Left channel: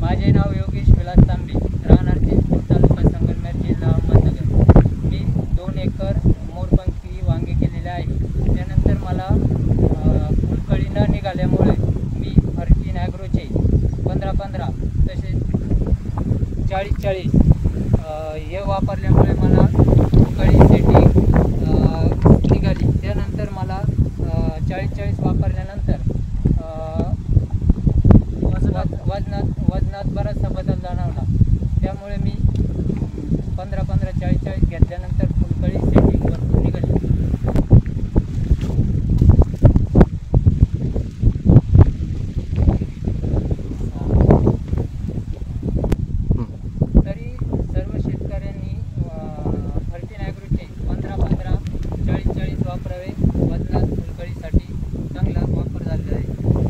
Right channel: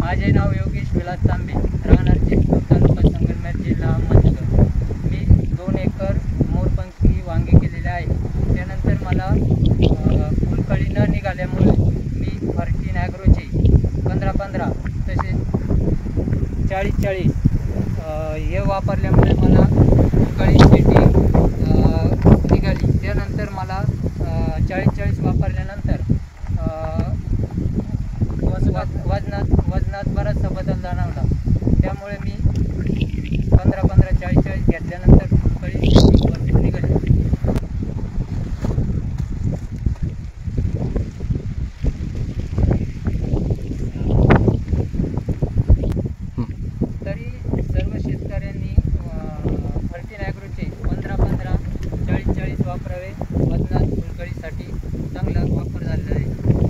माझे नाव योगेश विलास तांबे, राहणार चिंचपूर, तालुका संगमनेर, जिल्हा अहमदनगर. मी 2 एकर मोरपंखी वांगे केलेले आहे. त्यानंतर मला फुलकळी न निघाल्यामुळे मी फॉर्टीन ॲग्रोचे 15-15 तसेच 40-40 हे वापरल्यामुळे मला फुलकळी सेटिंग निघाली. त्यानंतर मला 40-40 वापरल्यानंतर वजनात बराचसा बदल जाणवला. त्यामुळे मी 15-15 40-40 घेतल्यानंतर फुलकळी भरपूर निघाली. तरी सर्व शेतकऱ्यांनी फॉर्टीन ॲग्रोचे 15-15 40-40 वापरावे. वजनात फुलकळीसाठी चांगला वापर झालेला आहे.